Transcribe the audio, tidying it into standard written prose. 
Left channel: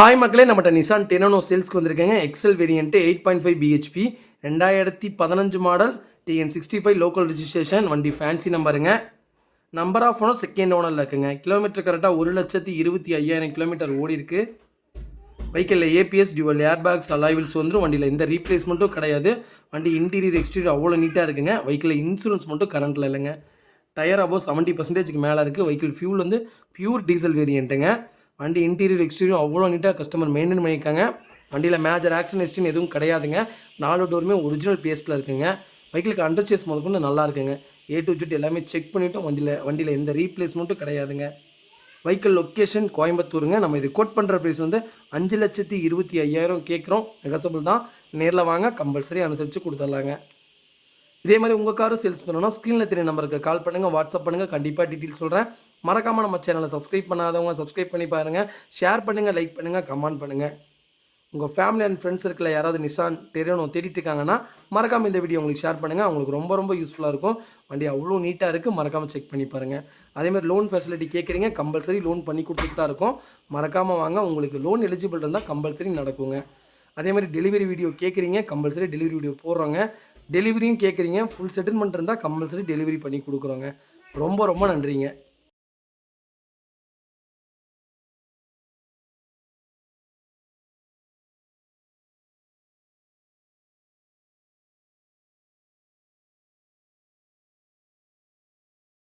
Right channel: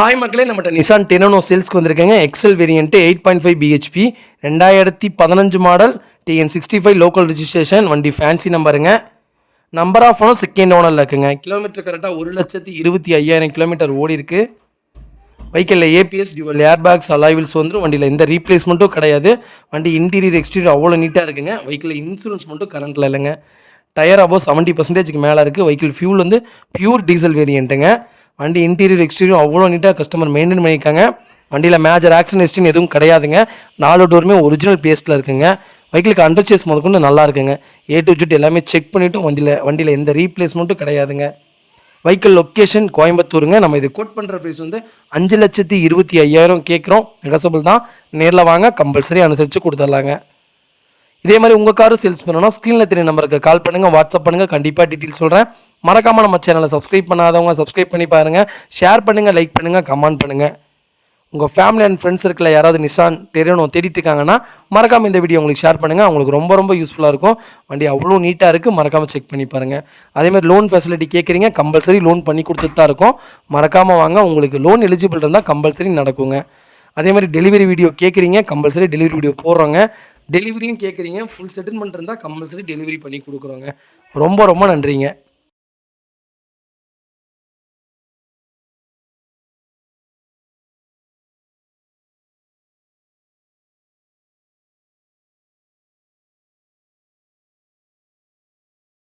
Hi மக்களே, நம்மகிட்ட Nissan டெனோ சேல்ஸ்க்கு வந்திருக்கேங்க. XL variant 8.5 BHP 2015 model TN65 local registration. வண்டி ஃபேன்சி நம்பருங்க. நம்பர் ஆஃப் ஓனர் செகண்ட் ஓனரில் இருக்குங்க. கிலோமீட்டர் கரெக்டாக 1,25,500 கிலோமீட்டர் ஓடி இருக்குது. வெஹிக்கிளில் ABS dual air bags alloy wheels வந்துடும். வண்டியில் எந்த ரீப்ளேஸ்மெண்ட்டும் கிடையாது. வண்டி இன்டீரியர் எக்ஸ்டீரியர் அவ்வளோ நீட்டாக இருக்குங்க. வெஹிக்கிளில் இன்சூரன்ஸ் மட்டும் கரண்ட்டில் இல்லைங்க. டயர் அபோவ் 70% மேலே இருக்குது. வெஹிக்கிள் ஃபியூல் வந்து பியூர் டீசல் வேரியண்ட்டுங்க. வண்டி இன்டீரியர் எக்ஸ்டீரியர் அவ்வளோ நீட்டாக கஸ்டமர் மெயின்டைன் பண்ணியிருக்காங்க. வண்டியில் மேஜர் ஆக்சிடென்ட் ஹிஸ்ட்ரின்னு எதுவும் கிடையாதுங்க. 4 டோருமே ஒரிஜினல் பேஸ்ட்டில் இருக்குங்க. வெஹிக்கிளுக்கு அண்டர் சேஸ் முதற்கொண்டு நல்லா இருக்குங்க. A to Z எல்லாமே செக் பண்ணிவிட்டு வண்டியில் எந்த ரீப்ளேஸ்மெண்ட்டும் கிடையாதுங்க. வெஹிக்கிள் லொக்கேஷன் கோயம்புத்தூருங்க. நம்ம இது கோட் பண்ணுற ப்ரைஸ் வந்து 5,25,500 கேட்குறோம். நெகசபிள் தான். நேரில் வாங்க, கம்பல்சரி அனுசரித்து கொடுத்துடலாங்க. இதே மாதிரி உங்கள் காரும் சேல்ஸ் பண்ணணும், ஸ்க்ரீனில் தெரிய நம்பருக்கு கால் பண்ணுங்கள், வாட்ஸ்அப் பண்ணுங்கள். கண்டிப்பாக டீட்டெயில்ஸ் சொல்கிறேன். மறக்காமல் நம்ம சேனலை சப்ஸ்கிரைப் பண்ணாதவங்க சப்ஸ்கிரைப் பண்ணி பாருங்கள். ஷேர் பண்ணுங்கள், லைக் பண்ணுங்கள், கமெண்ட் பண்ணுங்கள். உங்கள் ஃபேமிலி அண்ட் ஃப்ரெண்ட்ஸ் சர்க்கிளில் யாராவது நிசான் டெரினோ தேடிட்டு இருக்காங்கன்னா மறக்காமல் இந்த வீடியோ உங்களுக்கு ஷேர் பண்ணுங்கள். அவங்களுக்கு ரொம்ப ரொம்ப யூஸ்ஃபுல்லாக இருக்கும். வண்டி அவ்வளோ நீட்டாக இருக்குது. மறக்காமல் செக் பண்ணி பாருங்கள். அதேமாதிரி லோன் ஃபெசிலிட்டி கேட்குறீங்க, கம்பல்சரி லோன் பண்ணி கொடுத்துட்டு தான் இருக்கும். மறக்காமல் வாங்க. உங்களுக்கு லோன் எலிஜிபிள் இருந்தால் கம்பல்சரி நடக்குங்க. அதே மாதிரி டெலிவரி வீடியோ கேட்குறீங்க, கம்பல்சரி டெலிவரி வீடியோ போடுறோங்க. டெலிவரியும் கேட்குறீங்க, ஃபுல் செட்டில்மெண்ட் இருந்தால் கம்பல்சரி டெலிவரி பண்ணி கொடுக்குறோங்க. ரொம்ப ரொம்ப நன்றிங்க.